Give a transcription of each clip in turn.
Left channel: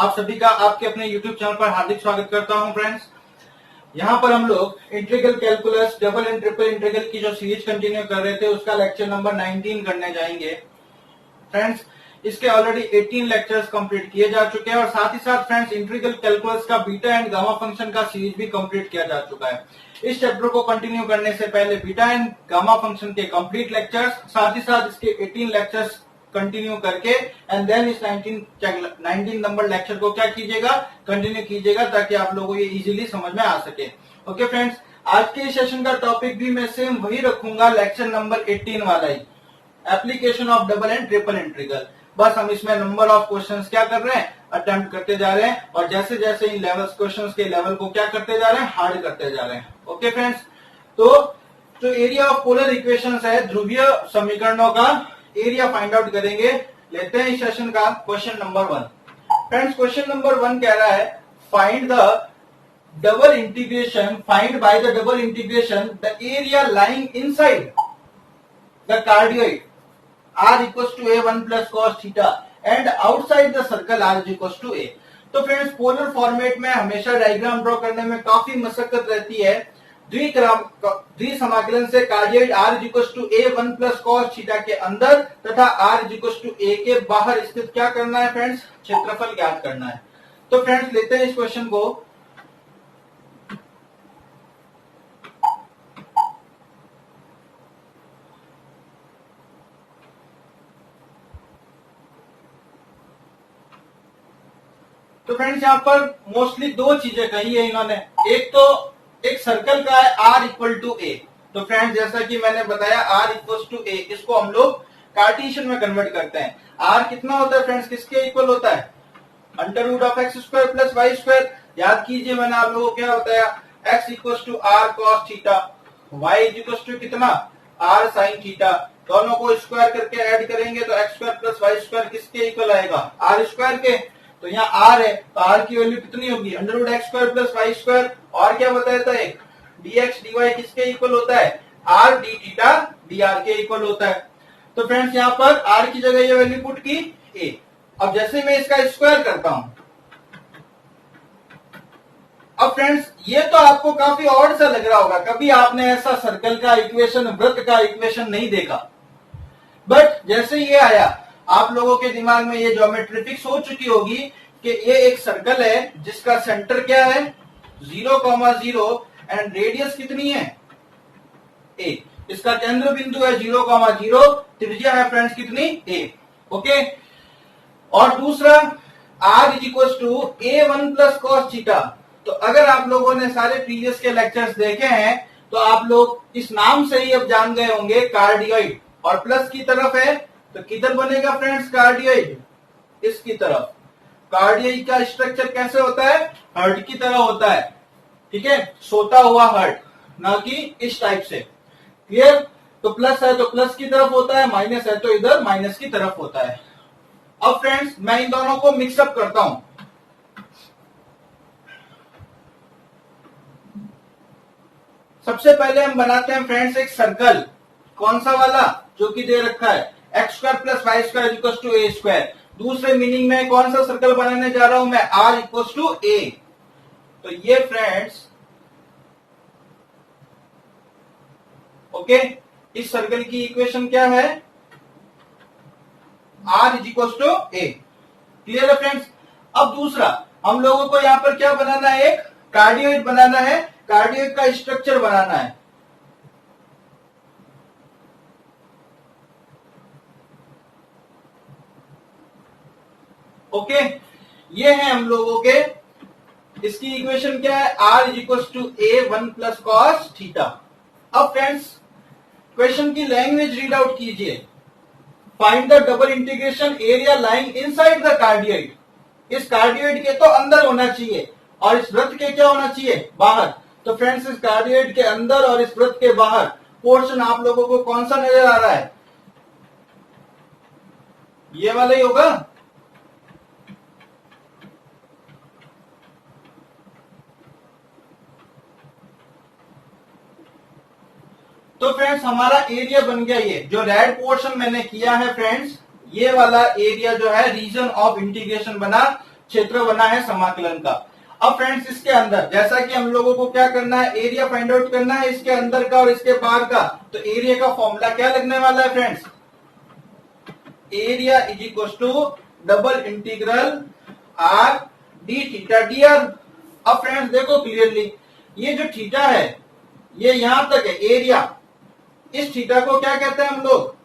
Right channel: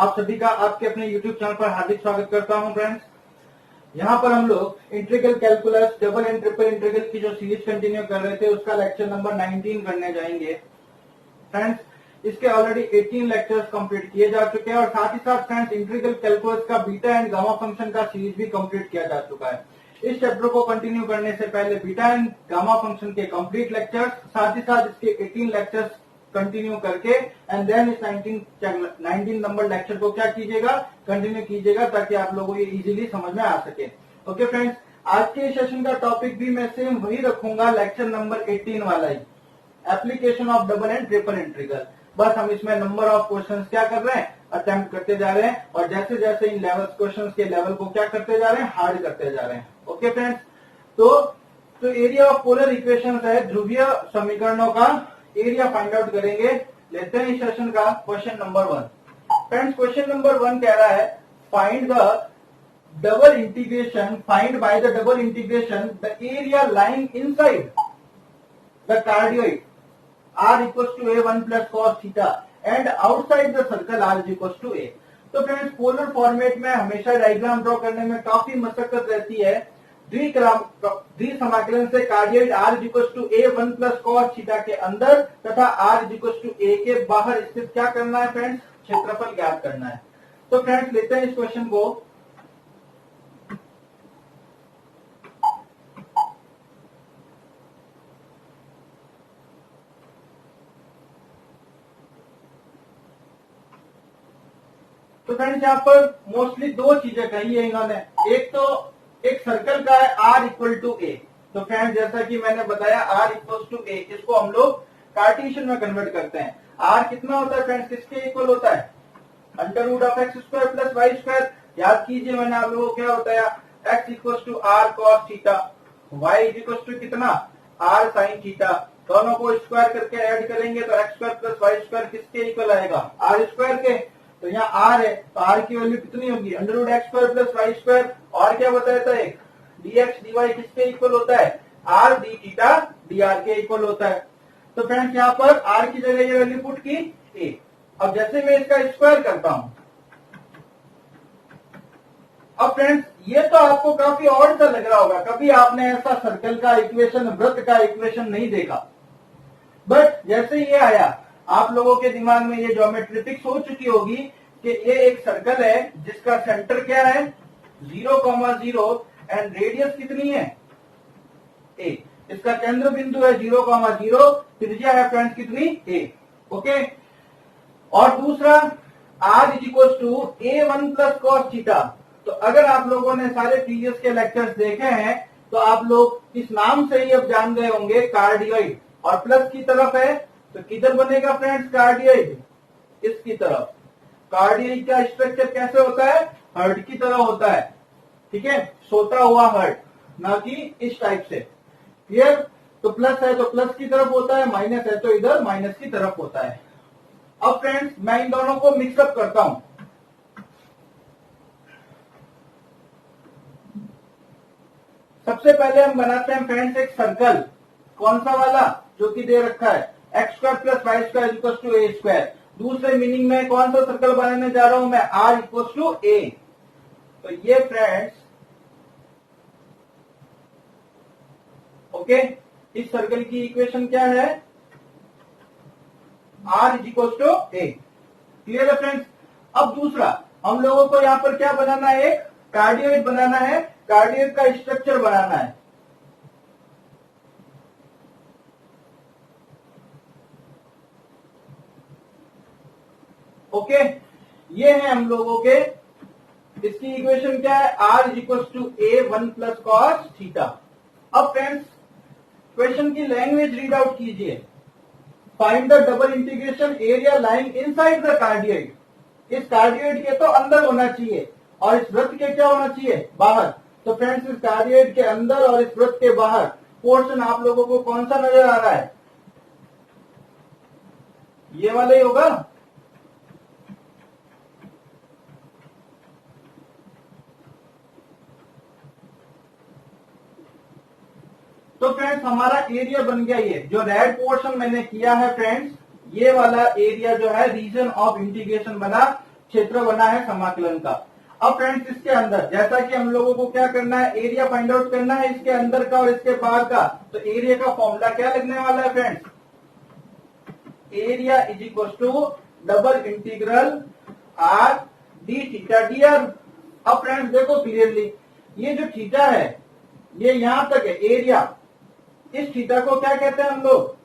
आप सभी का आपके अपने YouTube चैनल पर हार्दिक स्वागत करता हूं फ्रेंड्स। यहाँ पर हम लोग integral calculus double and triple integral की जो सीरीज कंटिन्यू कर रहे थे उसका लेक्चर नंबर 19 करने जाएंगे फ्रेंड्स। इसके ऑलरेडी 18 लेक्चर्स कंप्लीट किए जा चुके हैं और साथ ही साथ फ्रेंड्स इंटीग्रल कैलकुलस का बीटा एंड गामा फंक्शन का सीरीज भी कंप्लीट किया जा चुका है। इस चैप्टर को कंटिन्यू करने से पहले बीटा एंड गामा फंक्शन के कंप्लीट लेक्चर्स, साथ ही साथ इसके 18 लेक्चर्स कंटिन्यू करके एंड देन इस 19 नंबर लेक्चर को क्या कीजिएगा, कंटिन्यू कीजिएगा ताकि आप लोगों को ये इजीली समझ में आ सके। ओके फ्रेंड्स, आज के सेशन का टॉपिक भी मैं सेम वही रखूंगा, लेक्चर नंबर 18 वाला ही, application of double and triple integral. बस हम इसमें नंबर ऑफ क्वेश्चंस क्या कर रहे हैं, अटेम्प्ट करते जा रहे हैं और जैसे जैसे इन लेवल्स क्वेश्चंस के लेवल को क्या करते जा रहे हैं, हार्ड करते जा रहे हैं। ओके फ्रेंड्स, तो जो एरिया ऑफ पोलर इक्वेशंस है, ध्रुवीय समीकरणों का एरिया फाइंड आउट करेंगे। लेते हैं इस सेशन का question number 1। Friends, question number 1 कह रहा है find the double integration, find by the double integration the area lying inside the cardioid r equals to a 1 plus cos theta and outside the circle r is equals to a। तो friends, polar format में हमेशा diagram draw करने में काफी मशक्कत रहती है। द्विसमाकलन से cardioid r is equals to a 1 plus cos theta के अंदर तथा r is equals to a के बाहर स्थित क्या करना है फ्रेंड्स, क्षेत्रफल ज्ञात करना है। तो फ्रेंड्स, लेते हैं इस क्वेश्चन को। तो फ्रेंड्स, यहाँ पर मोस्टली दो चीजें कही है इन्होंने। एक तो एक सर्कल का है r इक्वल टू ए। तो फ्रेंड्स, जैसा कि मैंने बताया r इक्वल टू ए, इसको हम लोग कार्टेशियन में कन्वर्ट करते हैं। r कितना होता है फ्रेंड्स, किसके इक्वल होता है, under root of x square plus y square. याद कीजिए, मैंने आप लोगों को क्या बताया, x equal to r cos theta, y equal to कितना, r साइन थीटा। दोनों को स्क्वायर करके ऐड करेंगे तो x square plus y square किसके इक्वल आएगा, r स्क्वायर के। तो यहाँ r है तो r की वैल्यू कितनी होगी, under root x square plus y square. और क्या बताया था, एक dx dy किसके इक्वल होता है, r d थीटा dr के इक्वल होता है। तो फ्रेंड्स, यहाँ पर r की जगह ये वैल्यू पुट की a। अब जैसे मैं इसका स्क्वायर करता हूं, अब फ्रेंड्स ये तो आपको काफी ऑड सा लग रहा होगा, कभी आपने ऐसा सर्कल का इक्वेशन, वृत्त का इक्वेशन नहीं देखा। बट जैसे ये आया, आप लोगों के दिमाग में ये ज्योमेट्री फिक्स हो चुकी होगी कि ये एक सर्कल है जिसका सेंटर क्या है 0,0 एंड रेडियस कितनी है a। इसका केंद्र बिंदु है 0,0, त्रिज्या है फ्रेंड्स कितनी a। ओके, और दूसरा r is equal to a1 plus cos theta. तो अगर आप लोगों ने सारे प्रीवियस के लेक्चर्स देखे हैं तो आप लोग इस नाम से ही अब जान गए होंगे, कार्डियोइड। और प्लस की तरफ है तो किधर बनेगा फ्रेंड्स, कार्डियोइड इसकी तरफ। कार्डियोइड का स्ट्रक्चर कैसे होता है, हर्ट की तरह होता है, ठीक है, सोता हुआ हर्ट, ना कि इस टाइप से। क्लियर। तो प्लस है तो प्लस की तरफ होता है, माइनस है तो इधर माइनस की तरफ होता है। अब फ्रेंड्स, मैं इन दोनों को मिक्सअप करता हूं। सबसे पहले हम बनाते हैं फ्रेंड्स एक सर्कल, कौन सा वाला, जो कि दे रखा है x square plus y square equal to a square. दूसरे मीनिंग में कौन सा सर्कल बनाने जा रहा हूं मैं, r इक्वल टू ए। तो ये फ्रेंड्स, ओके, इस सर्कल की इक्वेशन क्या है, r is equal to a. Clear है फ्रेंड्स। अब दूसरा हम लोगों को यहां पर क्या बनाना है, एक कार्डियोइड बनाना है, कार्डियोइड का स्ट्रक्चर बनाना है। ओके, ये है हम लोगों के, इसकी इक्वेशन क्या है, r is equal to a 1 plus cos theta. अब फ्रेंड्स, क्वेश्चन की लैंग्वेज रीड आउट कीजिए। Find the double integration area lying inside the cardioid. इस कार्डियोइड के तो अंदर होना चाहिए और इस वृत्त के क्या होना चाहिए, बाहर। तो फ्रेंड्स, इस कार्डियोइड के अंदर और इस वृत्त के बाहर पोर्शन आप लोगों को कौन सा नजर आ रहा है, ये वाला ही होगा। तो फ्रेंड्स, हमारा एरिया बन गया, ये जो रेड पोर्शन मैंने किया है फ्रेंड्स, ये वाला एरिया जो है रीजन ऑफ इंटीग्रेशन बना। क्षेत्र बना है समाकलन का। अब फ्रेंड्स इसके अंदर जैसा कि हम लोगों को क्या करना है, एरिया फाइंड आउट करना है इसके अंदर का और इसके बाहर का। तो एरिया का फॉर्मूला क्या लगने वाला है friends, area is equal to double integral r d theta d r. अब फ्रेंड्स देखो क्लियरली, ये जो थीटा है ये यहां तक है एरिया, इस थीटा को क्या कहते हैं हम लोग,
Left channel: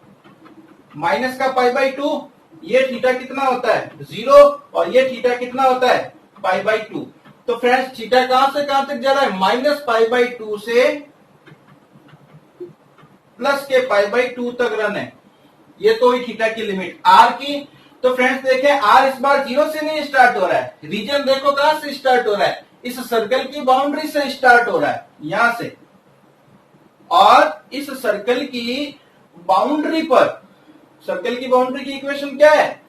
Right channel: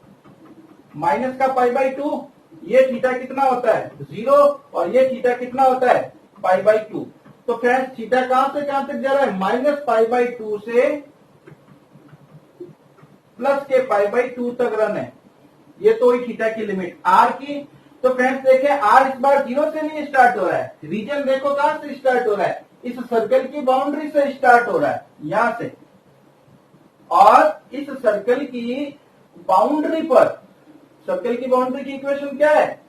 माइनस का पाई बाई टू। ये थीटा कितना होता है 0 और ये थीटा कितना होता है पाई बाई टू। तो फ्रेंड्स थीटा कहां से कहां तक जा रहा है, माइनस पाई बाई टू से प्लस के पाई बाई टू तक रन है। ये तो ही थीटा की लिमिट आर की। तो फ्रेंड्स देखें आर इस बार 0 से नहीं स्टार्ट हो रहा है, रीजन देखो कहां से स्टार्ट हो रहा है, इस सर्कल की बाउंड्री से स्टार्ट हो रहा है यहां से। और इस सर्कल की बाउंड्री पर, सर्कल की बाउंड्री की इक्वेशन क्या है,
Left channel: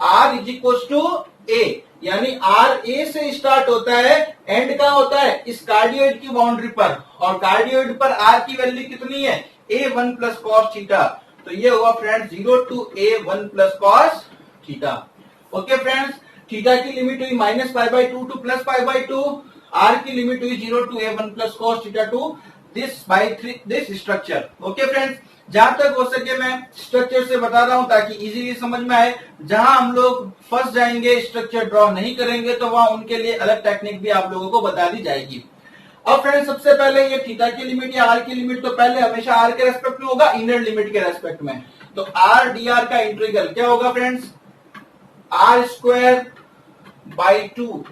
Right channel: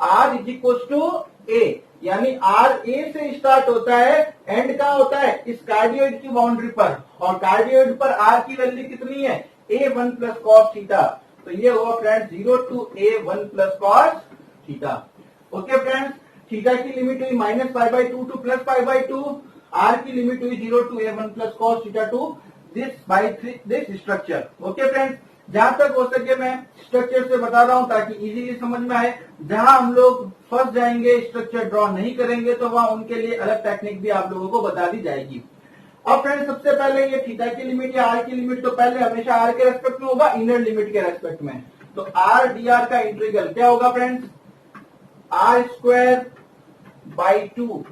आर इज इक्वल टू ए, यानी आर ए से स्टार्ट होता है, एंड का होता है इस कार्डियोइड की बाउंड्री पर, और कार्डियोइड पर आर की वैल्यू कितनी है a one plus cos theta. तो ये हुआ friends 0 to a one plus cos theta. Okay friends, theta की लिमिट हुई minus pi by two to plus pi by two, r की लिमिट हुई 0 to a one plus cos theta to this by this structure. Okay friends, जहां तक हो सके मैं structure से बता रहा हूं ताकि इजीली समझ में आए। जहां हम लोग फंस जाएंगे, स्ट्रक्चर ड्रॉ नहीं करेंगे, तो वहां उनके लिए अलग टेक्निक भी आप लोगों को बता दी जाएगी। अब फ्रेंड्स सबसे पहले ये थीटा की लिमिट या आर की लिमिट तो पहले हमेशा आर के रेस्पेक्ट में होगा, इनर लिमिट के रेस्पेक्ट में। तो आर डी आर का इंटीग्रल क्या होगा friends, r square by two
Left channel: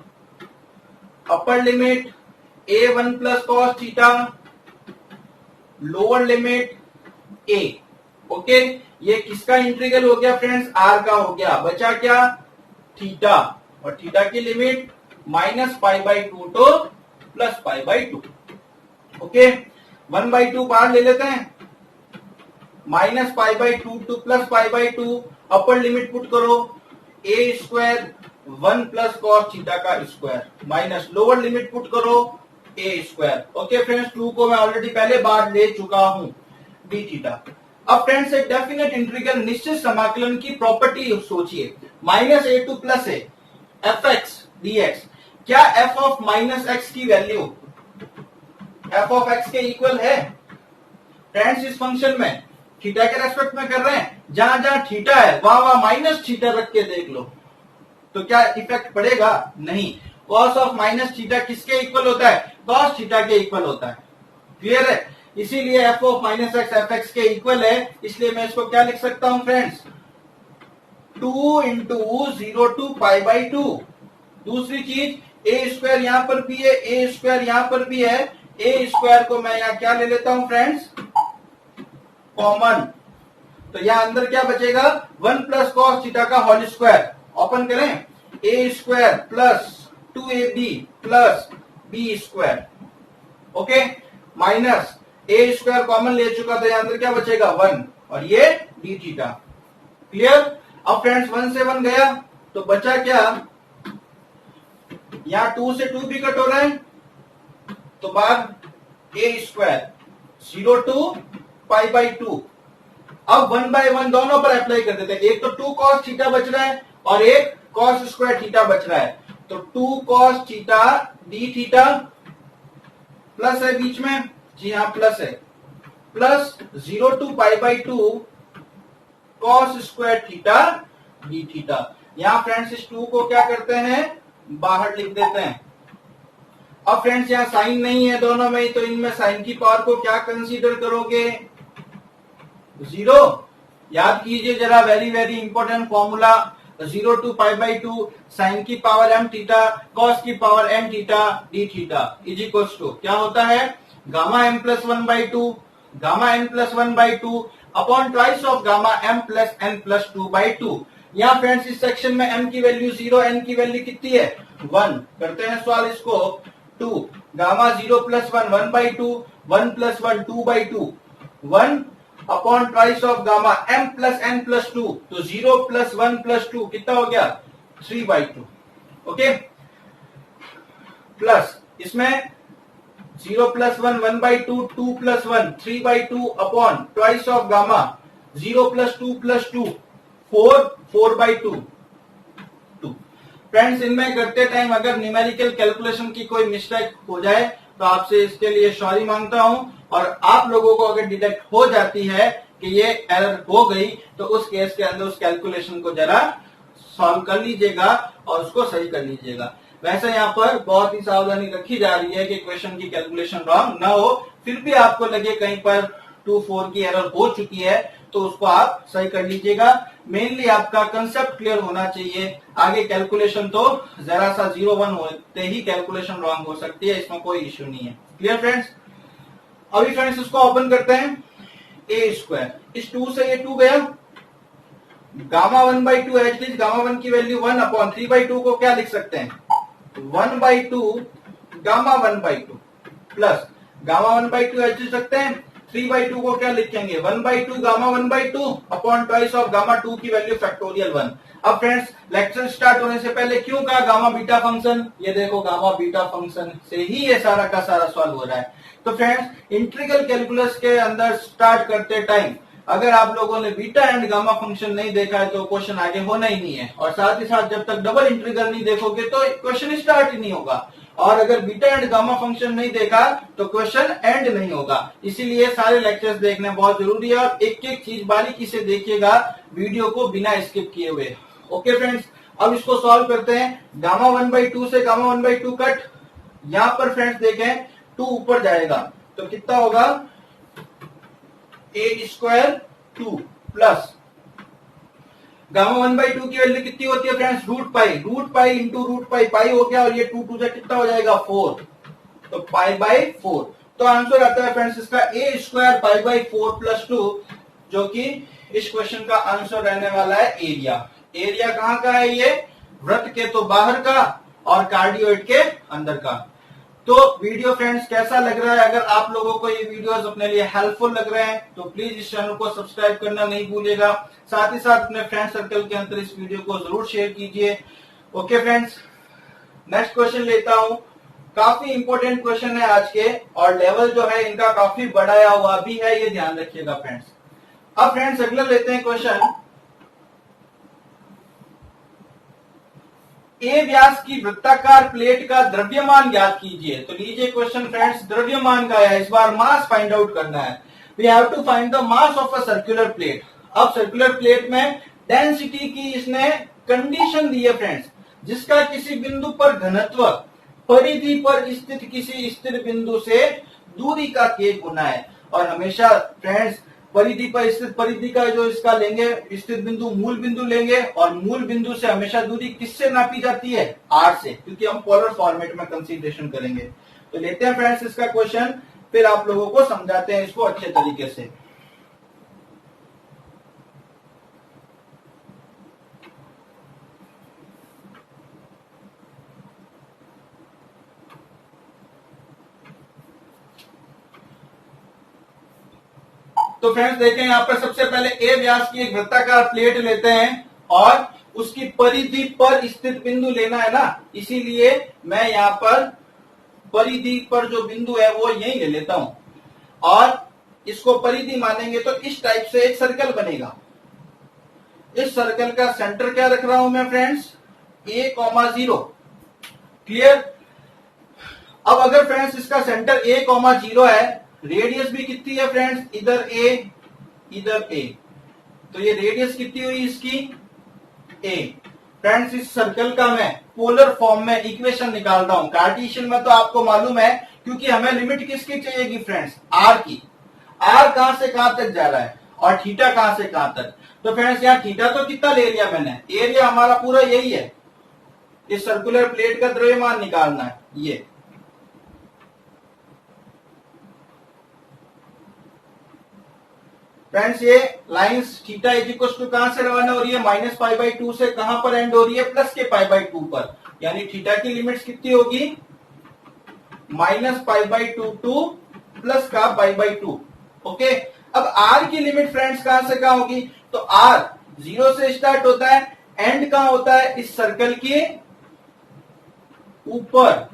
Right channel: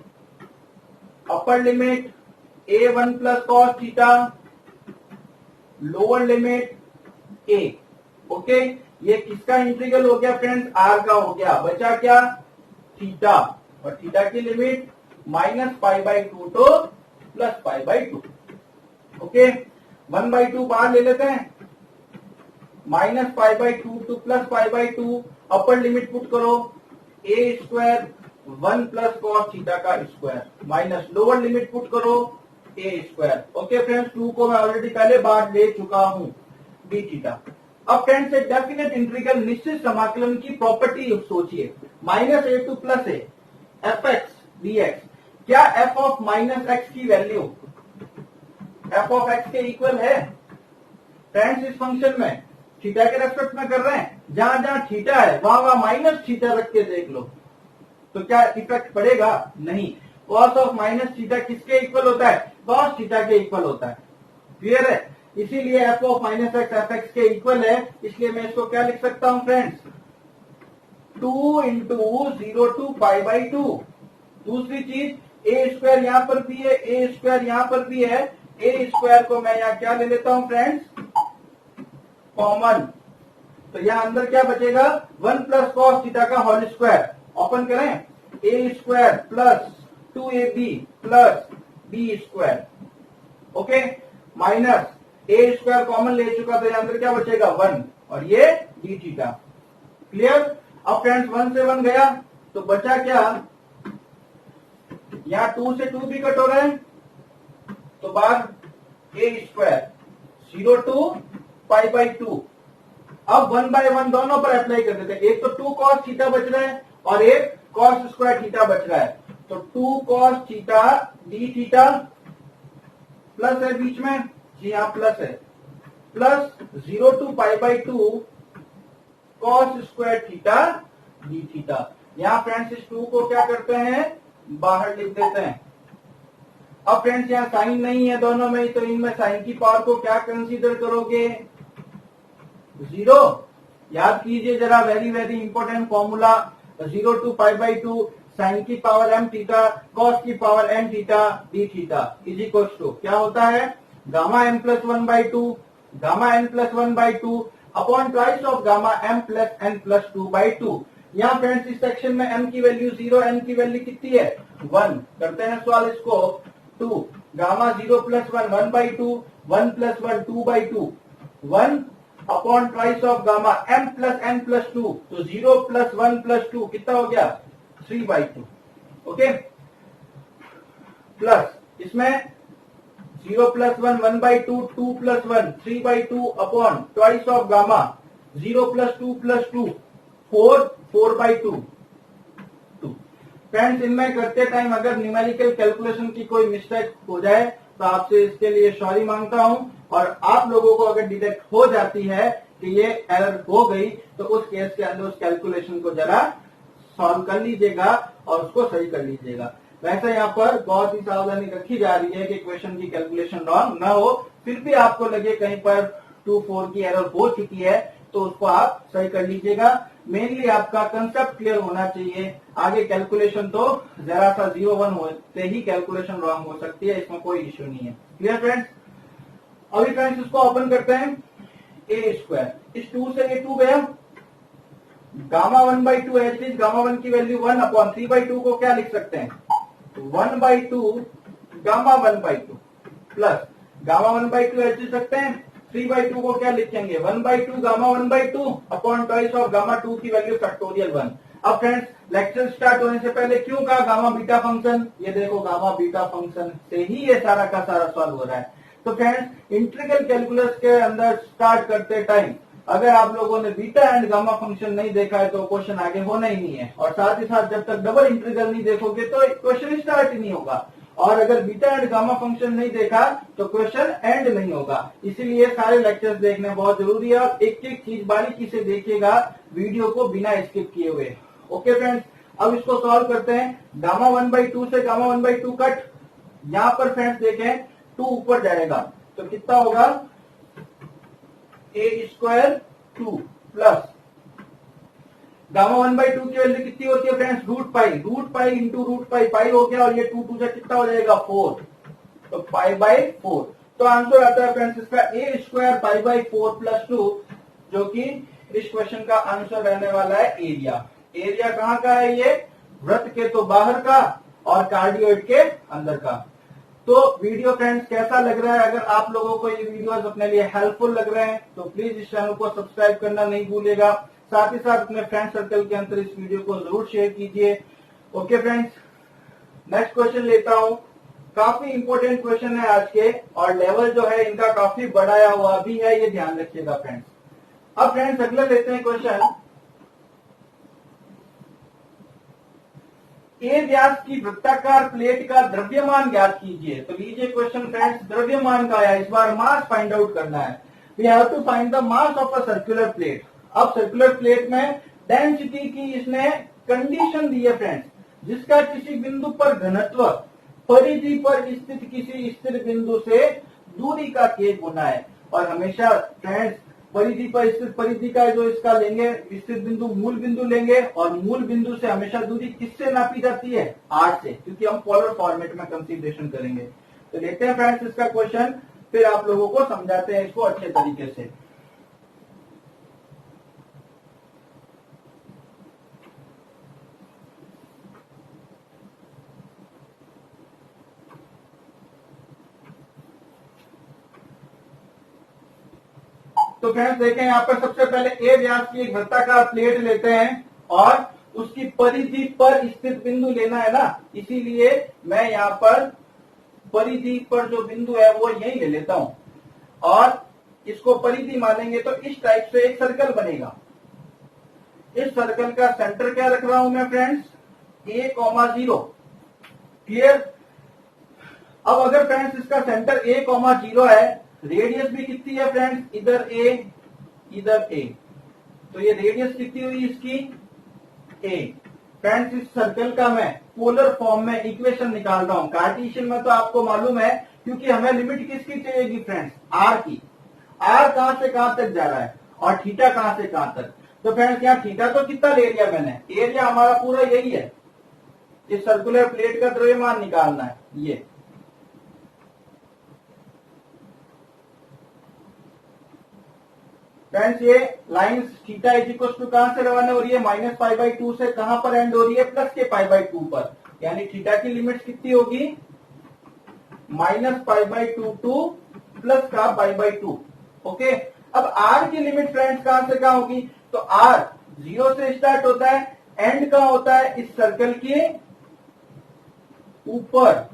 upper limit a one plus cos theta, lower limit a. Okay, ये किसका इंटीग्रल हो गया फ्रेंड्स, आर का हो गया, बचा क्या थीटा, और थीटा की limit minus pi by two to plus pi by to. Okay, 1/2 बाहर ले लेते हैं, minus pi by two to plus pi by two, upper limit put करो ए स्क्वायर 1 प्लस कॉस थीटा का square, minus lower limit put करो ए square. Okay friends, 2 को मैं already पहले बार ले चुका हूं डी थीटा। अब फ्रेंड्स एक डेफिनेट इंटीग्रल निश्चित समाकलन की प्रॉपर्टी सोचिए, minus A two plus A F x D x. क्या एफ ऑफ माइनस एक्स की वैल्यू एफ ऑफ एक्स के इक्वल है फ्रेंड्स, इस फंक्शन में थीटा के रेस्पेक्ट में कर रहे हैं, जहां जहां थीटा है वहां वहां माइनस थीटा रख के देख लो, तो क्या इफेक्ट पड़ेगा, नहीं। कॉस ऑफ माइनस थीटा किसके इक्वल होता है, कॉस थीटा के इक्वल होता है। क्लियर है, इसीलिए f of minus x f x के इक्वल है, इसलिए मैं इसको क्या लिख सकता हूं friends, 2 into 0 to pi by two. दूसरी चीज ए स्क्वायर यहां पर भी है, ए स्क्वायर यहां पर भी है, ए स्क्वायर को मैं यहां क्या ले लेता हूं फ्रेंड्स, कॉमन। तो यहां अंदर क्या बचेगा, 1 प्लस कॉस थीटा का होल स्क्वायर, ओपन करें, a square plus 2ab plus b square. Okay, minus a square common ले चुका, तो यहां अंदर क्या बचेगा 1, और ये डी थीटा। क्लियर। अब फ्रेंड्स 1 से 1 गया तो बचा क्या, यहां 2 से 2 भी कट हो रहा है, तो बाद a square 0 to pi by two. अब 1/1 दोनों पर अप्लाई कर देते हैं, एक तो 2 cos थीटा बच रहा है और एक cos स्क्वायर थीटा बच रहा है, तो 2 cos theta d theta plus है बीच में, जी हाँ प्लस है, plus 0 to pi by two cos square theta d theta. यहां फ्रेंड्स इस 2 को क्या करते हैं, बाहर लिख देते हैं। अब फ्रेंड्स यहां साइन नहीं है दोनों में, तो इनमें साइन की पावर को क्या कंसीडर करोगे, 0। याद कीजिए जरा, very very important formula, 0 to pi by two sine की पावर m थीटा कॉस की power n theta d theta is equal to क्या होता है, gamma m plus 1/2 gamma n plus 1/2 upon twice of gamma m plus n plus 2/2। यहाँ friends इस section में m की value 0, n की value कितनी है 1। करते हैं सवाल इसको, 2 gamma 0 plus 1 1/2 1 plus 1 2/2 1 upon twice of gamma m plus n plus 2, तो 0 प्लस 1 प्लस 2 कितना हो गया 3/2। ओके, प्लस इसमें 0 plus 1 1/2 2 plus 1 3/2 upon twice of gamma 0 plus 2 plus 2 4 4/2 2। Friends इनमें करते टाइम अगर न्यूमेरिकल कैलकुलेशन की कोई मिस्टेक हो जाए तो आपसे इसके लिए सॉरी मांगता हूं, और आप लोगों को अगर डिटेक्ट हो जाती है कि ये एरर हो गई तो उस केस के अंदर उस कैलकुलेशन को जरा सॉल्व कर लीजिएगा और उसको सही कर लीजिएगा। वैसे यहाँ पर बहुत ही सावधानी रखी जा रही है कि क्वेश्चन की कैलकुलेशन रॉन्ग ना हो, फिर भी आपको लगे कहीं पर 2-4 की एरर हो चुकी है तो उसको आप सही कर लीजिएगा। मेनली आपका कंसेप्ट क्लियर होना चाहिए, आगे कैलकुलेशन तो जरा सा 0-1 होते ही कैलकुलेशन रॉन्ग हो सकती है, इसमें कोई इश्यू नहीं है। Clear friends? अभी फ्रेंड्स इसको ओपन करते हैं। ए स्क्वायर, इस 2 से ये 2 गया, गामा 1/2 एट लीस्ट गामा 1 की वैल्यू 1/3/2 को क्या लिख सकते हैं 1/2 गामा 1/2 प्लस गामा 1/2 एच लिख सकते हैं, 3/2 को क्या लिखेंगे 1/2 gamma 1/2 upon twice of gamma 2 की वैल्यू फैक्टोरियल 1। अब फ्रेंड्स लेक्चर स्टार्ट होने से पहले क्यों कहा गामा बीटा फंक्शन, ये देखो गामा बीटा फंक्शन से ही ये सारा का सारा सॉल्व हो रहा है। तो फ्रेंड्स इंटीग्रल कैलकुलस के अंदर स्टार्ट करते टाइम अगर आप लोगों ने बीटा एंड गामा फंक्शन नहीं देखा है तो क्वेश्चन आगे होना ही नहीं है, और साथ ही साथ जब तक डबल इंटीग्रल नहीं देखोगे तो क्वेश्चन स्टार्ट ही नहीं होगा, और अगर बीटा एंड गामा फंक्शन नहीं देखा तो क्वेश्चन एंड नहीं होगा। इसीलिए सारे लेक्चर्स देखने बहुत जरूरी है और एक एक चीज बारीकी से देखिएगा वीडियो को बिना स्किप किए हुए। ओके फ्रेंड्स, अब इसको सॉल्व करते हैं। गामा 1/2 से गामा 1/2 कट, यहां पर फ्रेंड्स देखें 2 ऊपर जाएगा तो कितना होगा ए स्क्वायर 2 प्लस गामा 1/2 की वैल्यू कितनी होती है friends root pi into root pi, pi हो गया और ये 2 से कितना हो जाएगा 4, तो पाई/4। तो आंसर आता है फ्रेंड्स इसका ए स्क्वायर पाई/4 प्लस 2, जो कि इस क्वेश्चन का आंसर रहने वाला है एरिया। एरिया कहां का है, ये वृत्त के तो बाहर का और कार्डियोइड के अंदर का। तो वीडियो फ्रेंड्स कैसा लग रहा है, अगर आप लोगों को ये वीडियोस अपने लिए हेल्पफुल लग रहे हैं तो प्लीज इस चैनल को सब्सक्राइब करना नहीं भूलिएगा, साथ ही साथ अपने फ्रेंड सर्कल के अंदर इस वीडियो को जरूर शेयर कीजिए। ओके फ्रेंड्स, नेक्स्ट क्वेश्चन लेता हूं। काफी इंपॉर्टेंट क्वेश्चन है आज के, और लेवल जो है इनका काफी बढ़ाया हुआ भी है, ये ध्यान रखिएगा फ्रेंड्स। अब फ्रेंड्स अगला लेते हैं क्वेश्चन, ए व्यास की वृत्ताकार प्लेट का द्रव्यमान ज्ञात कीजिए। तो लीजिए क्वेश्चन फ्रेंड्स, द्रव्यमान का है, इस बार मास फाइंड आउट करना है। We have to find the mass of a circular plate. अब सर्कुलर प्लेट में डेंसिटी की इसने कंडीशन दी है फ्रेंड्स, जिसका किसी बिंदु पर घनत्व परिधि पर स्थित किसी स्थिर बिंदु से दूरी का k गुना है। और हमेशा फ्रेंड्स परिधि पर स्थित, परिधि का जो इसका लेंगे स्थित बिंदु मूल बिंदु लेंगे, और मूल बिंदु से हमेशा दूरी किससे नापी जाती है r से, क्योंकि हम पोलर फॉर्मेट में कंसीडरेशन करेंगे। तो लेते हैं फ्रेंड्स इसका क्वेश्चन, फिर आप लोगों को समझाते हैं इसको अच्छे तरीके से। तो फ्रेंड्स देखें यहाँ पर सबसे पहले ए व्यास की एक वृत्ताकार प्लेट लेते हैं और उसकी परिधि पर स्थित बिंदु लेना है ना, इसीलिए मैं यहाँ पर परिधि पर जो बिंदु है वो यही ले लेता हूं, और इसको परिधि मानेंगे तो इस टाइप से एक सर्कल बनेगा। इस सर्कल का सेंटर क्या रख रहा हूं मैं फ्रेंड्स a,0। क्लियर? अब अगर फ्रेंड्स इसका सेंटर a,0 है, रेडियस भी कितनी है फ्रेंड्स, इधर a इधर a, तो ये रेडियस कितनी हुई इसकी a। फ्रेंड्स इस सर्कल का मैं पोलर फॉर्म में इक्वेशन निकाल रहा हूं, कार्टेशियन में तो आपको मालूम है, क्योंकि हमें लिमिट किसकी चाहिएगी फ्रेंड्स r की। r कहां से कहां तक जा रहा है और थीटा कहां से कहां तक। तो फ्रेंड्स यहाँ थीटा तो कितना ले लिया मैंने, एरिया हमारा पूरा यही है, इस सर्कुलर प्लेट का द्रव्यमान निकालना है ये। फ्रेंड्स ये lines theta is equal to कहां से रवाना हो रही है, -π/2 से कहां पर एंड हो रही है, प्लस के π/2 पर, यानी थीटा की लिमिट्स कितनी होगी -π/2 टू प्लस का π/2। ओके, अब r की लिमिट फ्रेंड्स कहां से कहां होगी, तो r 0 से स्टार्ट होता है, एंड कहां होता है इस सर्कल के ऊपर।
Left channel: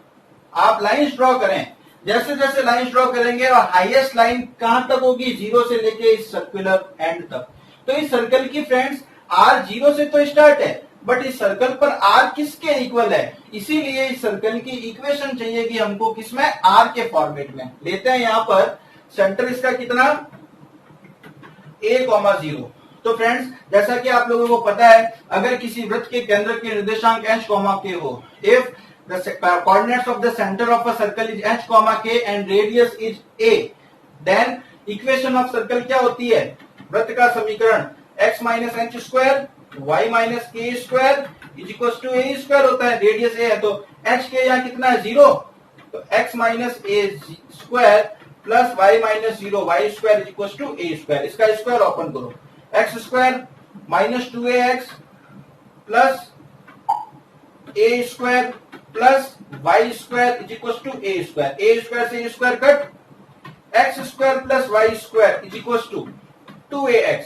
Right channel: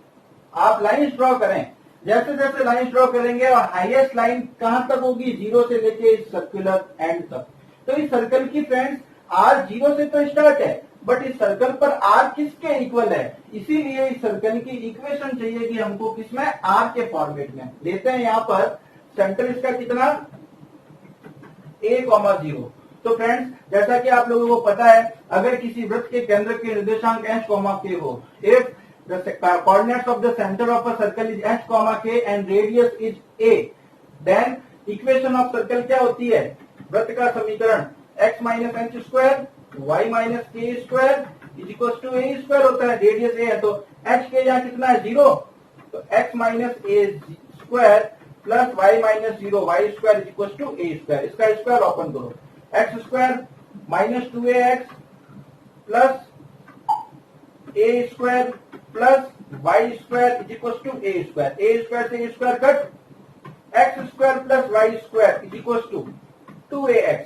आप लाइंस ड्रॉ करें, जैसे जैसे लाइन ड्रॉ करेंगे और हाईएस्ट लाइन कहां तक होगी, 0 से लेके इस सर्कुलर एंड तक। तो इस सर्कल की फ्रेंड्स r 0 से तो स्टार्ट है, बट इस सर्कल पर आर किसके इक्वल है, इसीलिए इस सर्कल की इक्वेशन चाहिए कि हमको किसमें, आर के फॉर्मेट में। लेते हैं यहां पर सेंटर इसका कितना, a,0। तो फ्रेंड्स जैसा कि आप लोगों को पता है, अगर किसी वृत्त के केंद्र के निर्देशांक h, k हो, if the coordinates of the center of a circle is h, k and radius is a, then equation of circle क्या होती है, वृत्त का समीकरण x minus h square y minus k square is equal to a square होता है। Radius ए है तो h के यहाँ कितना है, 0, तो x minus a square plus y minus 0 y square is equal to a square. इसका स्क्वायर ओपन करो, x square minus 2ax plus a square plus y square is equal to a square. A square से square cut, x square plus y square is equal to 2ax।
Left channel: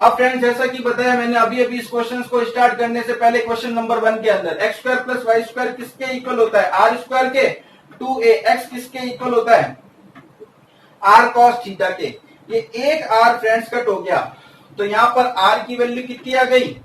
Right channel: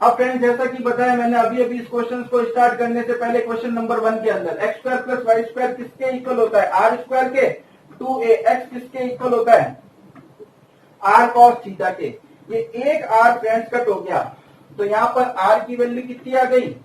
अब friends जैसा कि बताया मैंने अभी अभी इस क्वेश्चन को स्टार्ट करने से पहले, क्वेश्चन नंबर 1 के अंदर x square plus y square किसके इक्वल होता है, आर स्क्वायर के। 2ax किसके इक्वल होता है, आर कॉस थीटा के। ये एक आर फ्रेंड्स कट हो गया, तो यहां पर आर की वैल्यू कितनी आ गई,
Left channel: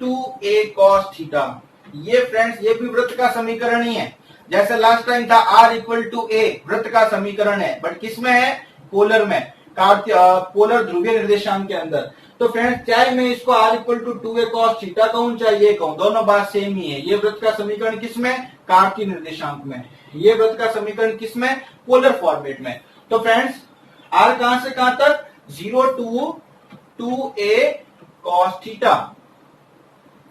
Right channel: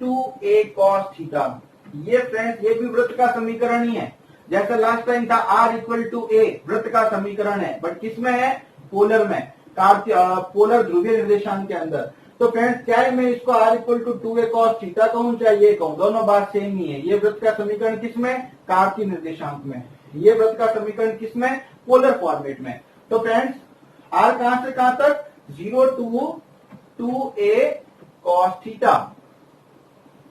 2a कॉस थीटा। ये फ्रेंड्स ये भी वृत्त का समीकरण ही है, जैसे लास्ट टाइम था r इक्वल टू a, वृत्त का समीकरण है, बट किसमें है, पोलर में, पोलर ध्रुवीय निर्देशांक के अंदर। तो फ्रेंड्स चाहे मैं इसको r equal to 2a cos theta कहूं चाहे ये कहूं, दोनों बात सेम ही है। ये वृत्त का समीकरण किसमें, कार्तीय निर्देशांक में। ये वृत्त का समीकरण किसमें, पोलर फॉर्मेट में। तो फ्रेंड्स r कहां से कहां तक, 0 to 2a cos theta.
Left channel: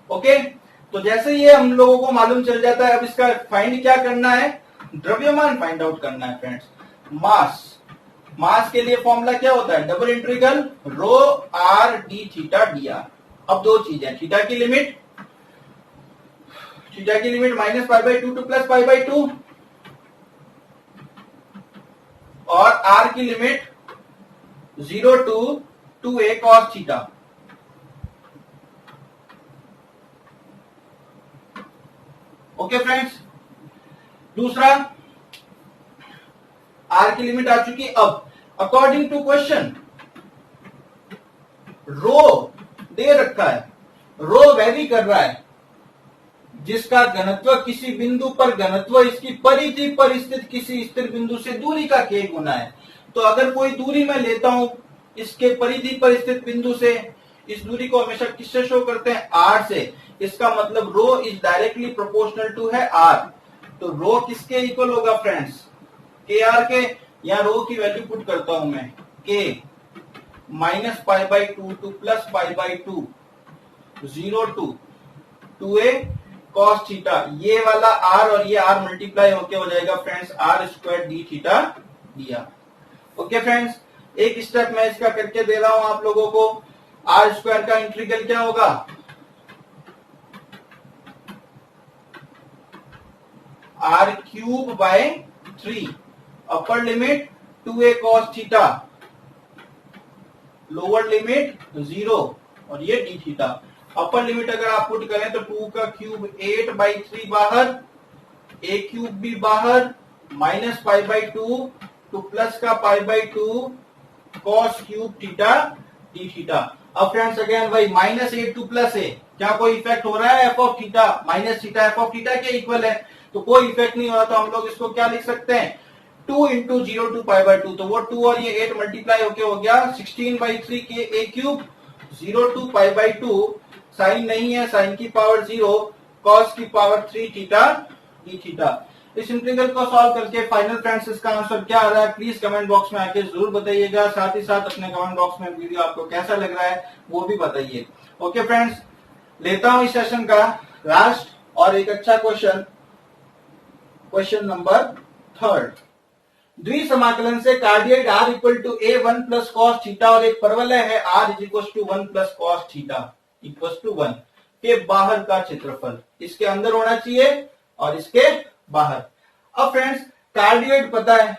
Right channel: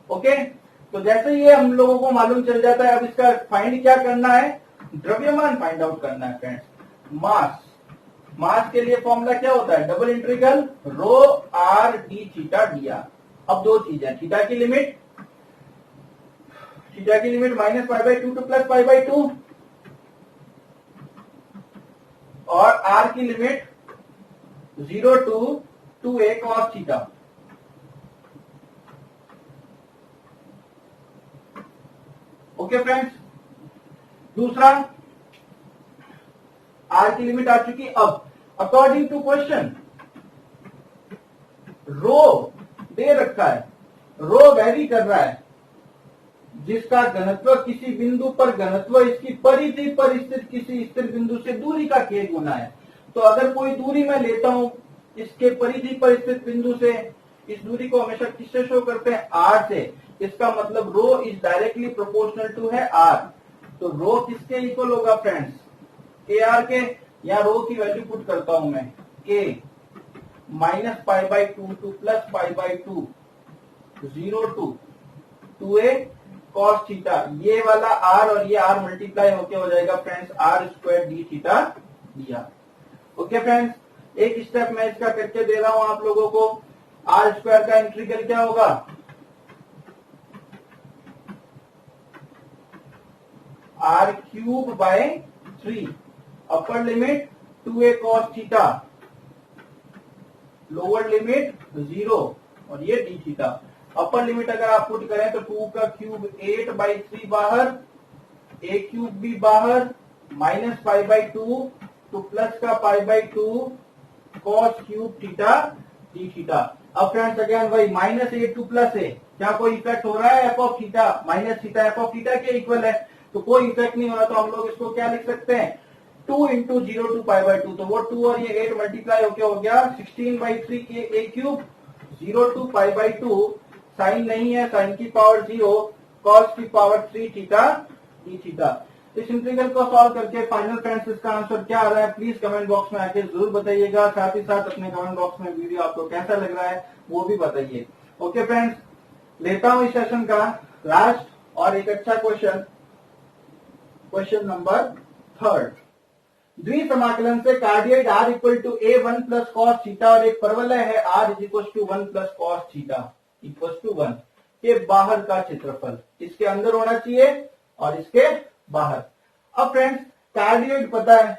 Okay, तो जैसे ये हम लोगों को मालूम चल जाता है, अब इसका फाइंड क्या करना है, द्रव्यमान फाइंड आउट करना है फ्रेंड्स। मास, मास के लिए फॉर्मूला क्या होता है, double integral rho r d theta d r. अब दो चीज है, थीटा की लिमिट -π/2 टू +π/2 और आर की limit 0 to 2a cos theta. Okay friends, दूसरा आर की लिमिट आ चुकी। अब अकॉर्डिंग टू क्वेश्चन रो दे रखा है, रो वेरी कर रहा है, जिसका घनत्व किसी बिंदु पर घनत्व इसकी परिधि पर स्थित किसी स्थिर बिंदु से दूरी का k गुना है। तो अगर कोई दूरी मैं लेता हूं इसके परिधि पर स्थित बिंदु से, इस दूरी को हमेशा किससे शो करते हैं, r से। इसका मतलब रो इज डायरेक्टली प्रोपोर्शनल टू है r। तो रो किसके इक्वल होगा फ्रेंड्स, के आर के। या रो की वैल्यू पुट करता हूं मैं, के -π/2 to +π/2 0 to 2a cos theta. ये वाला r और ये r मल्टीप्लाई होके हो जाएगा friends r square D theta d are. Okay friends, एक स्टेप मैं इसका करके दे रहा हूं आप लोगों को। r स्क्वायर का इंटीग्रल क्या होगा, r³/3, upper limit 2a cos theta, lower limit 0 और ये डी थीटा। अपर लिमिट अगर आप पुट करें तो 2 का क्यूब 8/3 बाहर, a³ भी बाहर, -π/2 टू प्लस का π/2 cos³ थीटा डी थीटा। अब फ्रेंड्स अगेन वही -a टू +a, क्या कोई इफेक्ट हो रहा है, f of theta minus theta f of theta के इक्वल है, तो कोई इफेक्ट नहीं हो रहा। तो हम लोग इसको क्या लिख सकते हैं, 2 × 0 to π/2, तो वो 2 और ये 8 मल्टीप्लाई होके हो गया 16/3 के a³, 0 to π/2, साइन नहीं है, साइन की पावर 0, cos की पावर 3 थीटा डी थीटा। इस इंटीग्रल को सॉल्व करके फाइनल फ्रेंड्स इसका आंसर क्या आ रहा है, प्लीज कमेंट बॉक्स में आके जरूर बताइएगा। साथ ही साथ अपने कमेंट बॉक्स में वीडियो आपको कैसा लग रहा है वो भी बताइए। ओके फ्रेंड्स, लेता हूं इस सेशन का लास्ट और एक अच्छा क्वेश्चन, क्वेश्चन नंबर 3। द्विसमाकलन से cardioid r equal to a1 plus cos theta और एक परवलय है r is equal to 1 plus cos theta equal to 1 के बाहर का क्षेत्रफल, इसके अंदर होना चाहिए और इसके बाहर। अब फ्रेंड्स कार्डियड पता है,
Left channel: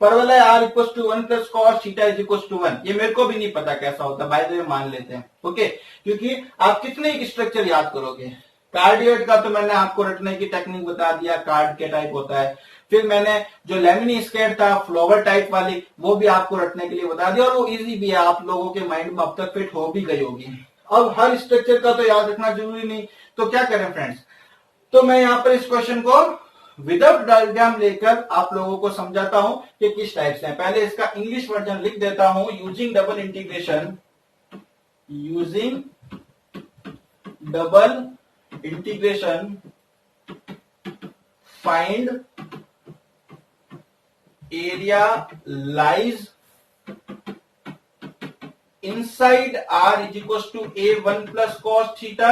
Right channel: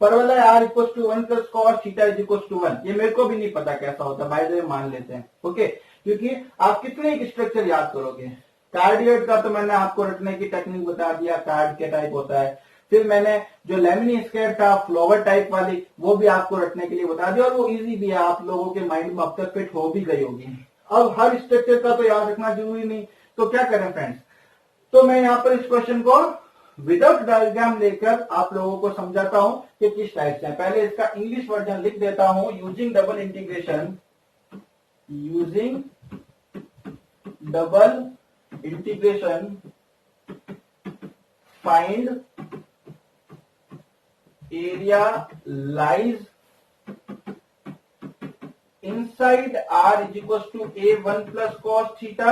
परवलय r equal to 1 plus cos theta is equal to 1, ये मेरे को भी नहीं पता कैसा होता, बाय द वे मान लेते हैं। ओके, क्योंकि आप कितने एक स्ट्रक्चर याद करोगे, कार्डियड का तो मैंने आपको रटने की टेक्निक बता दिया, कार्ड के टाइप होता है। फिर मैंने जो लेमिनी स्केट था फ्लोवर टाइप वाली, वो भी आपको रटने के लिए बता दिया और वो इजी भी है, आप लोगों के माइंड में अब तक फिट हो भी गई होगी। अब हर स्ट्रक्चर का तो याद रखना जरूरी नहीं, तो क्या करें फ्रेंड्स, तो मैं यहां पर इस क्वेश्चन को विदाउट डायग्राम लेकर आप लोगों को समझाता हूं कि किस टाइप से है। पहले इसका इंग्लिश वर्जन लिख देता हूं। Using double integration, using double integration find area lies inside R is equals to A1 plus cos theta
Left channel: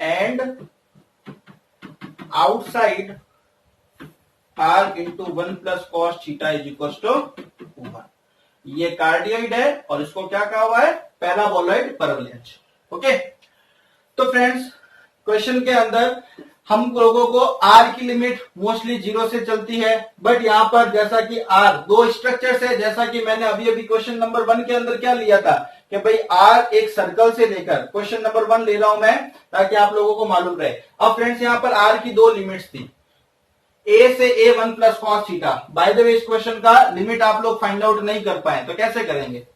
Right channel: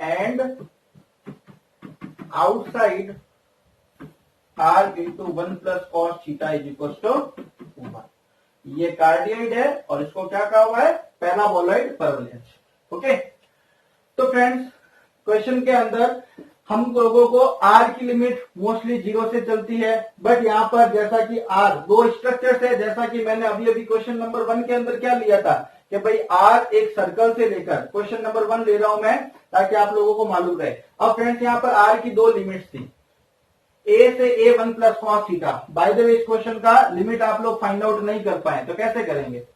and outside R into 1 plus cos theta is equals to 1। ये cardioid है और इसको क्या कहा हुआ है, पैराबोलॉइड परवलज। ओके, तो friends question के अंदर हम लोगों को आर की लिमिट मोस्टली 0 से चलती है, बट यहां पर जैसा कि आर दो स्ट्रक्चर्स है, जैसा कि मैंने अभी अभी क्वेश्चन नंबर 1 के अंदर क्या लिया था कि भाई आर एक सर्कल से लेकर, क्वेश्चन नंबर 1 ले रहा हूं मैं ताकि आप लोगों को मालूम रहे। अब फ्रेंड्स यहां पर आर की दो लिमिट्स थी, ए से a one plus cos theta. By the way इस क्वेश्चन का लिमिट आप लोग फाइंड आउट नहीं कर पाए तो कैसे करेंगे,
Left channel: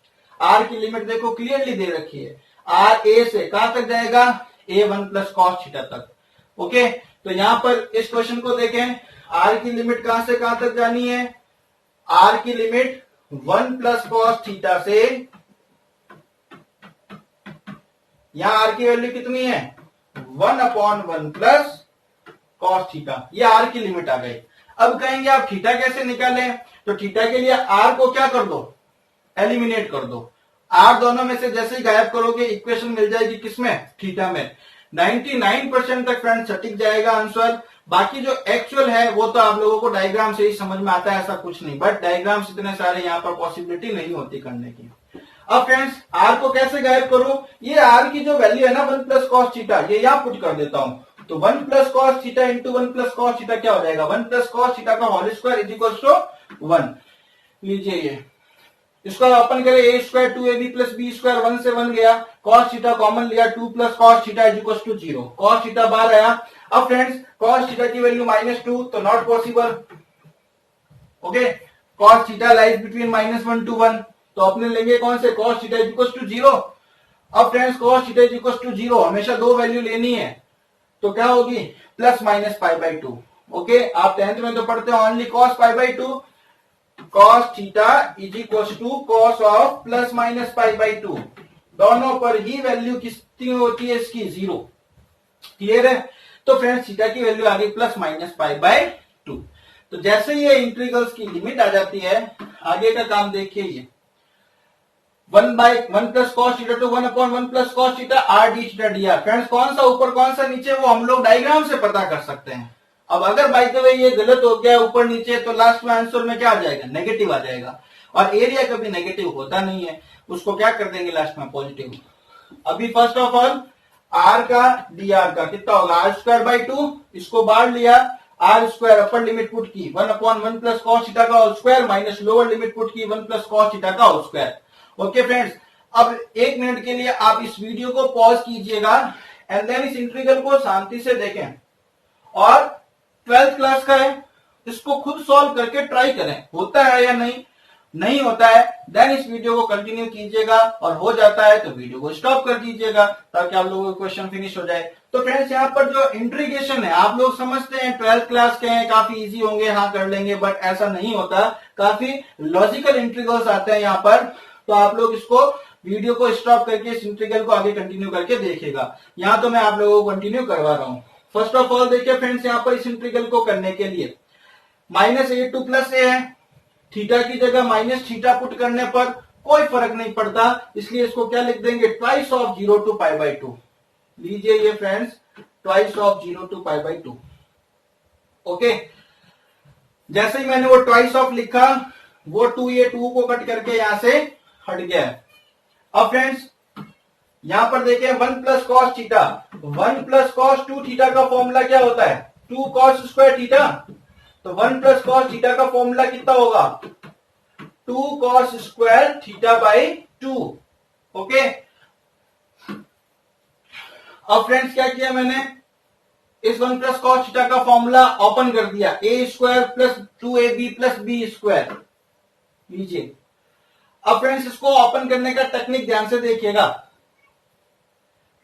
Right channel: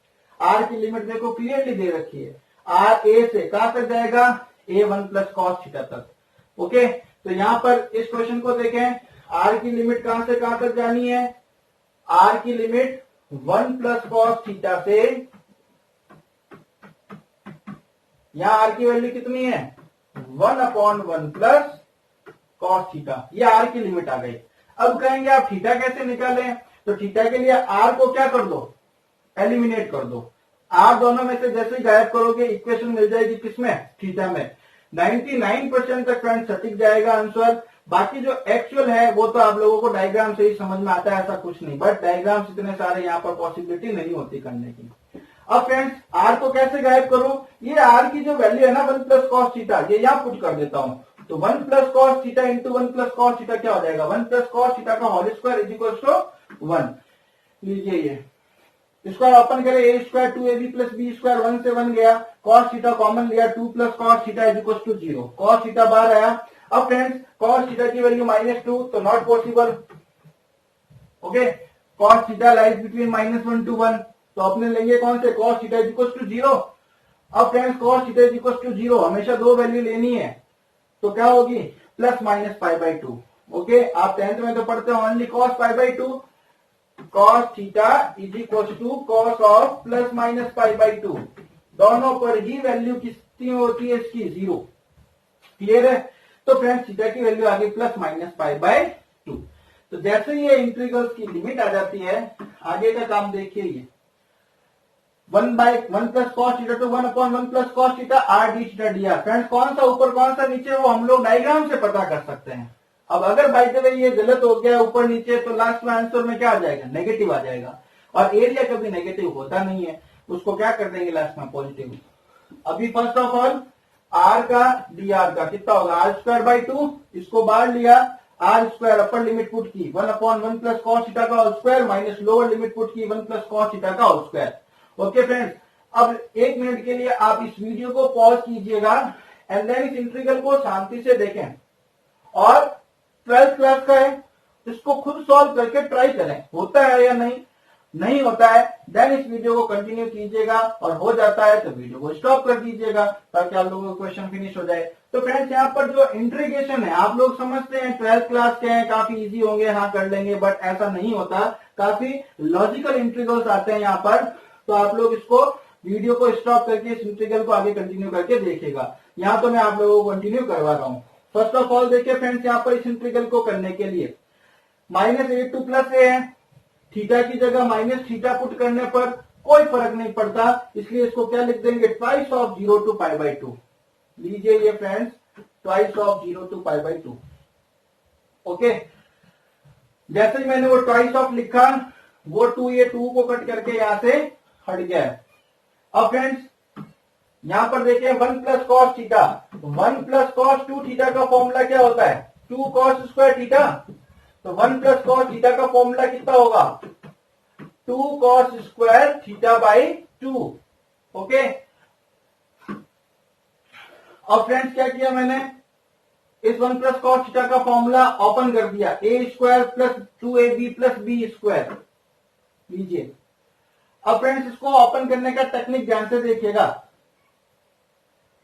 आर की लिमिट देखो क्लियरली दे रखी है, आर ए से कहां तक जाएगा, ए वन प्लस कॉस थीटा तक। ओके, तो यहां पर इस क्वेश्चन को देखें, आर की लिमिट कहां से कहां तक जानी है, आर की लिमिट 1 प्लस कॉस थीटा से, यहां आर की वैल्यू कितनी है 1/1 प्लस कॉस थीटा, ये आर की लिमिट आ गई। अब कहेंगे आप थीटा कैसे निकालें, तो थीटा के लिए आर को क्या कर दो, एलिमिनेट कर दो। आर दोनों में से जैसे ही गायब करोगे इक्वेशन मिल जाएगी किसमें, थीटा में। 99% तक फ्रेंड सटीक जाएगा आंसर। बाकी जो एक्चुअल है वो तो आप लोगों को डायग्राम से ही समझ में आता है, ऐसा कुछ नहीं, बट डायग्राम्स इतने सारे यहाँ पर पॉसिबिलिटी नहीं होती करने की। अब फ्रेंड्स आर को कैसे गायब करूं, ये आर की जो वैल्यू है ना 1 प्लस कॉस थीटा, ये यहां पुट कर देता हूं। तो 1 plus cos theta into 1 plus cos theta क्या हो जाएगा, 1 प्लस कॉस थीटा का whole square is equal to 1। लीजिए ये इसको ओपन करें, a square 2ab plus b square 1 से 1 गया, कॉस थीटा कॉमन लिया, 2 plus cos theta is equal to 0, cos theta बाहर आया। अब फ्रेंड्स कॉस थीटा की वैल्यू -2 तो not possible. Okay, cos theta lies between -1 to 1, तो अपने लेंगे कौन से, cos theta is equal to 0। अब friends cos theta is equal to 0 हमेशा दो वैल्यू लेनी है, तो क्या होगी प्लस माइनस π/2। ओके, आप 10th में तो पढ़ते हो only cos π/2, cos theta is equal to cos of plus minus π/2, दोनों पर ही वैल्यू कितनी होती है इसकी 0। क्लियर है, तो फ्रेंड्स थीटा की वैल्यू आ गई प्लस माइनस π/2। तो जैसे ये इंटीग्रल्स की लिमिट आ जाती है, आगे का काम देखिए, ये 1/1 plus cos theta to 1/1 plus cos theta are d theta d are. Friends कौन सा ऊपर कौन सा नीचे वो हम लोग डायग्राम से पता कर सकते हैं। अब अगर बाय द वे ये गलत हो गया ऊपर नीचे, तो लास्ट में आंसर में क्या आ जाएगा, नेगेटिव आ जाएगा, और एरिया कभी नेगेटिव होता नहीं है, उसको क्या कर देंगे लास्ट में पॉजिटिव। अभी फर्स्ट ऑफ ऑल आर का डी आर का कितना होगा, आर स्क्वायर बाई 2, इसको बाहर लिया, r square upper limit put की 1/1 प्लस कॉस थीटा का whole square minus lower limit put की 1 प्लस कॉस थीटा का होल स्क्वायर। ओके फ्रेंड्स, अब 1 मिनट के लिए आप इस वीडियो को पॉज कीजिएगा एंड देन इस इंटीग्रल को शांति से देखें, और 12th क्लास का है, इसको खुद सॉल्व करके ट्राई करें, होता है या नहीं होता है, देन इस वीडियो को कंटिन्यू कीजिएगा, और हो जाता है तो वीडियो को स्टॉप कर दीजिएगा ताकि आप लोगों का क्वेश्चन फिनिश हो जाए। तो फ्रेंड्स यहाँ पर जो इंटीग्रेशन है, आप लोग समझते हैं 12th क्लास के हैं, काफी इजी होंगे, हाँ कर लेंगे, बट ऐसा नहीं होता, काफी लॉजिकल इंटीग्रल्स आते हैं यहाँ पर। तो आप लोग इसको वीडियो को स्टॉप करके इस इंटीग्रल को आगे कंटिन्यू करके देखिएगा। यहाँ तो मैं आप लोगों को कंटिन्यू करवा रहा हूं। फर्स्ट ऑफ ऑल देखिए फ्रेंड्स, यहाँ पर इस इंटीग्रल को करने के लिए -a टू प्लस a है, थीटा की जगह माइनस थीटा पुट करने पर कोई फर्क नहीं पड़ता, इसलिए इसको क्या लिख देंगे, ट्वाइस ऑफ 0 to π/2। लीजिए ये friends, twice of 0 to π/2। Okay, जैसे ही मैंने वो ट्वाइस ऑफ लिखा, वो 2 ये 2 को कट करके यहां से हट गया। अब फ्रेंड्स यहां पर देखिए 1 plus cos theta, 1 plus cos 2 theta का फॉर्मूला क्या होता है, 2 कॉस स्क्वायर थीटा, तो 1 प्लस कॉस थीटा का फॉर्मूला कितना होगा, 2 cos square theta by 2। Okay, अब फ्रेंड्स क्या किया मैंने, इस 1 प्लस कॉस थीटा का फॉर्मूला ओपन कर दिया, a square plus 2ab plus b square. लीजिए, अब फ्रेंड्स इसको ओपन करने का टेक्निक ध्यान से देखिएगा,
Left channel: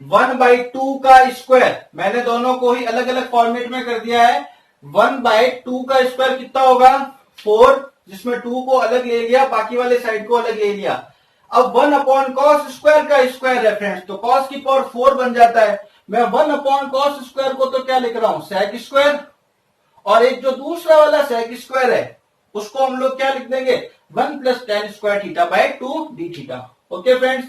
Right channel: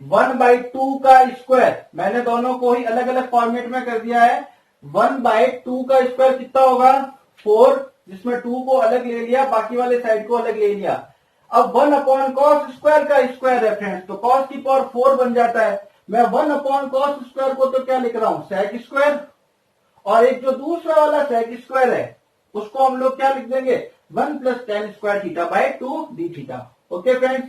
1/2 का स्क्वायर, मैंने दोनों को ही अलग अलग फॉर्मेट में कर दिया है। 1/2 का स्क्वायर कितना होगा 4, जिसमें 2 को अलग ले लिया, बाकी वाले साइड को अलग ले लिया। अब 1/cos स्क्वायर का स्क्वायर है फ्रेंड्स, तो cos की पावर 4 बन जाता है। मैं 1/cos स्क्वायर को तो क्या लिख रहा हूं sec स्क्वायर, और एक जो दूसरा वाला sec स्क्वायर है उसको हम लोग क्या लिख देंगे 1 + tan square theta by 2 D theta. Okay friends,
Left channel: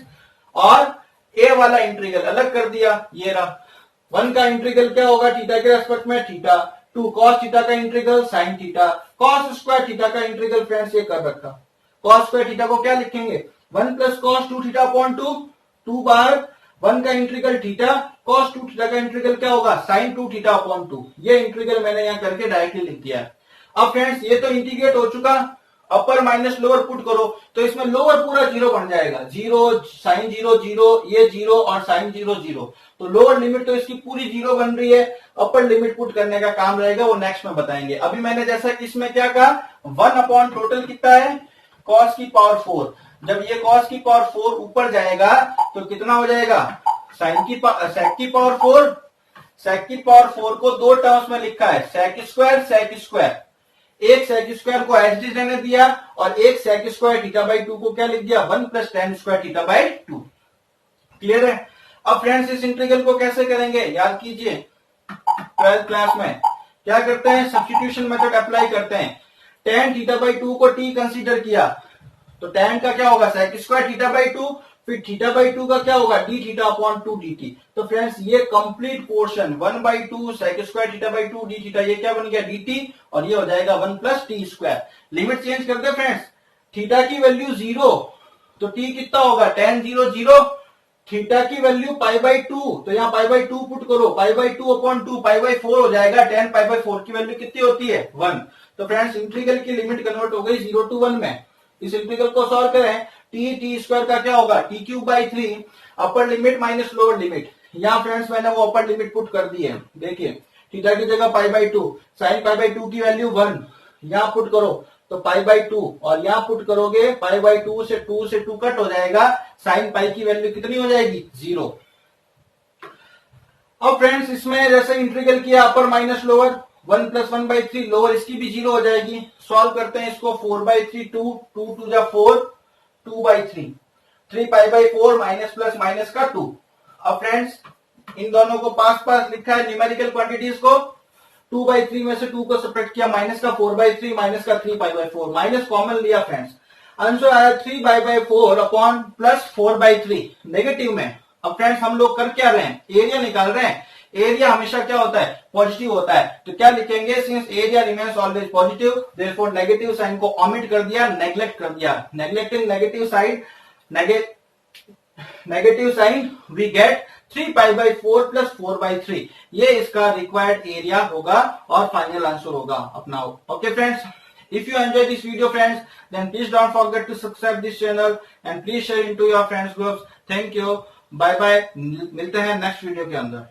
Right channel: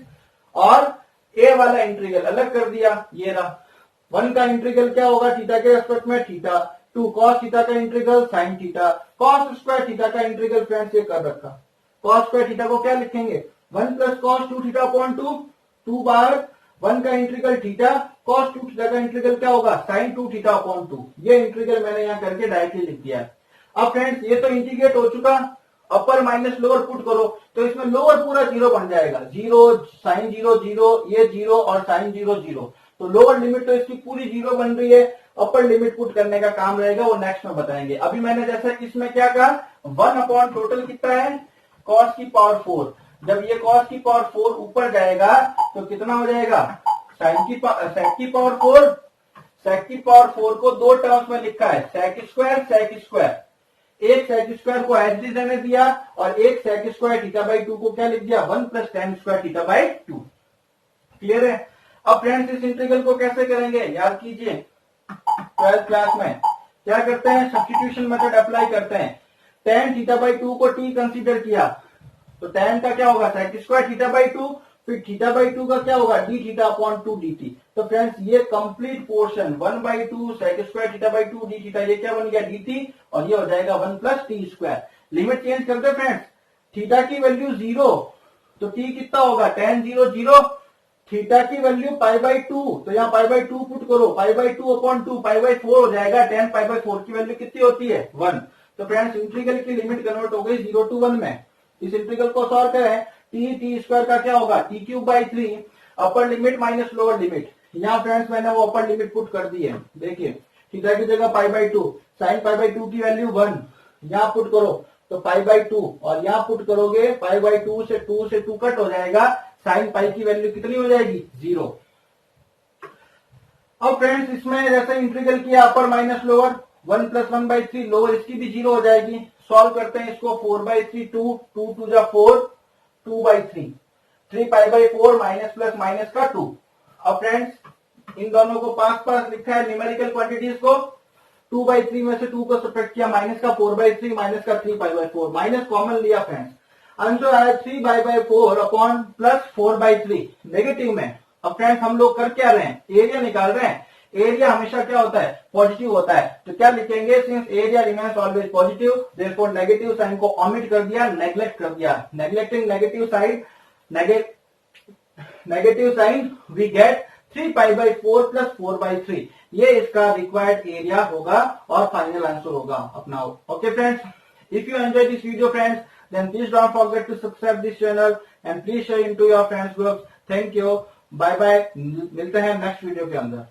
और ए वाला इंटीग्रल अलग कर दिया, ये रहा। 1 का इंटीग्रल क्या होगा थीटा के रेस्पेक्ट में थीटा, 2 cos थीटा का integral sin theta, cos square theta का इंटीग्रल फ्रेंड्स ये कर रखा। cos स्क्वायर थीटा को क्या लिखेंगे 1 + cos 2 थीटा अपॉन 2, 2 बार 1 का इंटीग्रल थीटा, cos 2 थीटा का इंटीग्रल क्या होगा sin 2 थीटा अपॉन 2। ये इंटीग्रल मैंने यहां करके डायरेक्टली लिख दिया है। अब फ्रेंड्स ये तो इंटीग्रेट हो चुका, अपर माइनस लोअर पुट करो तो इसमें लोअर पूरा जीरो बन जाएगा, 0 sin 0 0, ये 0 और sin 0 0, तो लोअर लिमिट तो इसकी पूरी 0 बन रही है। अपर लिमिट पुट करने का काम रहेगा, वो नेक्स्ट में बताएंगे। अभी मैंने जैसा कि इसमें क्या कहा 1 अपॉन टोटल कितना है cos की पावर 4, जब ये cos की पावर 4 ऊपर जाएगा तो कितना हो जाएगा sec की पावर 4। sec की पावर 4 को दो टर्म्स में लिखा है sec स्क्वायर, एक sec स्क्वायर को एज इट रहने दिया और एक sec स्क्वायर थीटा बाई 2 को क्या लिख दिया 1 + tan square theta by 2। Clear है। अब फ्रेंड्स इस इंटीग्रल को कैसे करेंगे याद कीजिए, 12th क्लास में क्या करते हैं सब्स्टिट्यूशन मेथड अप्लाई करते हैं। tan थीटा बाई 2 को t कंसीडर किया तो tan का क्या होगा sec स्क्वायर थीटा बाई 2, फिर थीटा बाई 2 का क्या होगा d थीटा अपॉन 2 dt। तो फ्रेंड्स ये complete portion 1/2 sec square theta by 2 d theta, ये क्या बन गया dt, और ये हो जाएगा 1 + t स्क्वायर। लिमिट चेंज करते हैं फ्रेंड्स, थीटा की वैल्यू 0 तो t कितना होगा tan 0 0, थीटा की वैल्यू π/2 तो यहाँ π/2 पुट करो, π/2 अपॉन 2 π/4 हो जाएगा, tan π/4 की वैल्यू कितनी होती है 1। तो फ्रेंड्स इंटीग्रल की लिमिट कन्वर्ट हो गई 0 to 1 में। इस इंटीग्रल को सॉल्व करें, t स्क्वायर का क्या होगा t³/3, upper limit minus lower limit. यहाँ फ्रेंड्स मैंने वो अपर लिमिट पुट कर दी है, देखिए थीटा की जगह π/2, sin π/2 की वैल्यू 1, यहाँ पुट करो तो π/2, और यहाँ पुट करोगे π/2 से 2 कट हो जाएगा, sin पाई की वैल्यू कितनी हो जाएगी 0। अब फ्रेंड्स इसमें जैसे इंटीग्रल किया अपर माइनस लोअर, 1 + 1/3 लोअर इसकी भी 0 हो जाएगी। सॉल्व करते हैं इसको, 4/3 2, 2 2 जा 4, 2/3, 3 π/4 माइनस प्लस माइनस का 2। अब फ्रेंड्स इन दोनों को पास पास लिखा है न्यूमेरिकल क्वांटिटीज को, 2/3 में से 2 को सब्ट्रैक्ट किया, माइनस का 4/3 माइनस का 3 π/4, माइनस कॉमन लिया फ्रेंड्स, आंसर आया 3 π/4 अपॉन प्लस 4/3 नेगेटिव में। अब फ्रेंड्स हम लोग कर क्या रहे हैं एरिया निकाल रहे हैं, एरिया हमेशा क्या होता है पॉजिटिव होता है, तो क्या लिखेंगे since area remains always positive therefore negative sign को ओमिट कर दिया, नेग्लेक्ट कर दिया, neglecting negative side negative sign we get 3 π/4 plus 4/3, ये इसका रिक्वायर्ड एरिया होगा और फाइनल आंसर होगा अपना। Okay friends, if you enjoy this video friends then please don't forget to subscribe this channel and please share into your friends groups। thank you, bye bye, मिलते हैं next video के अंदर।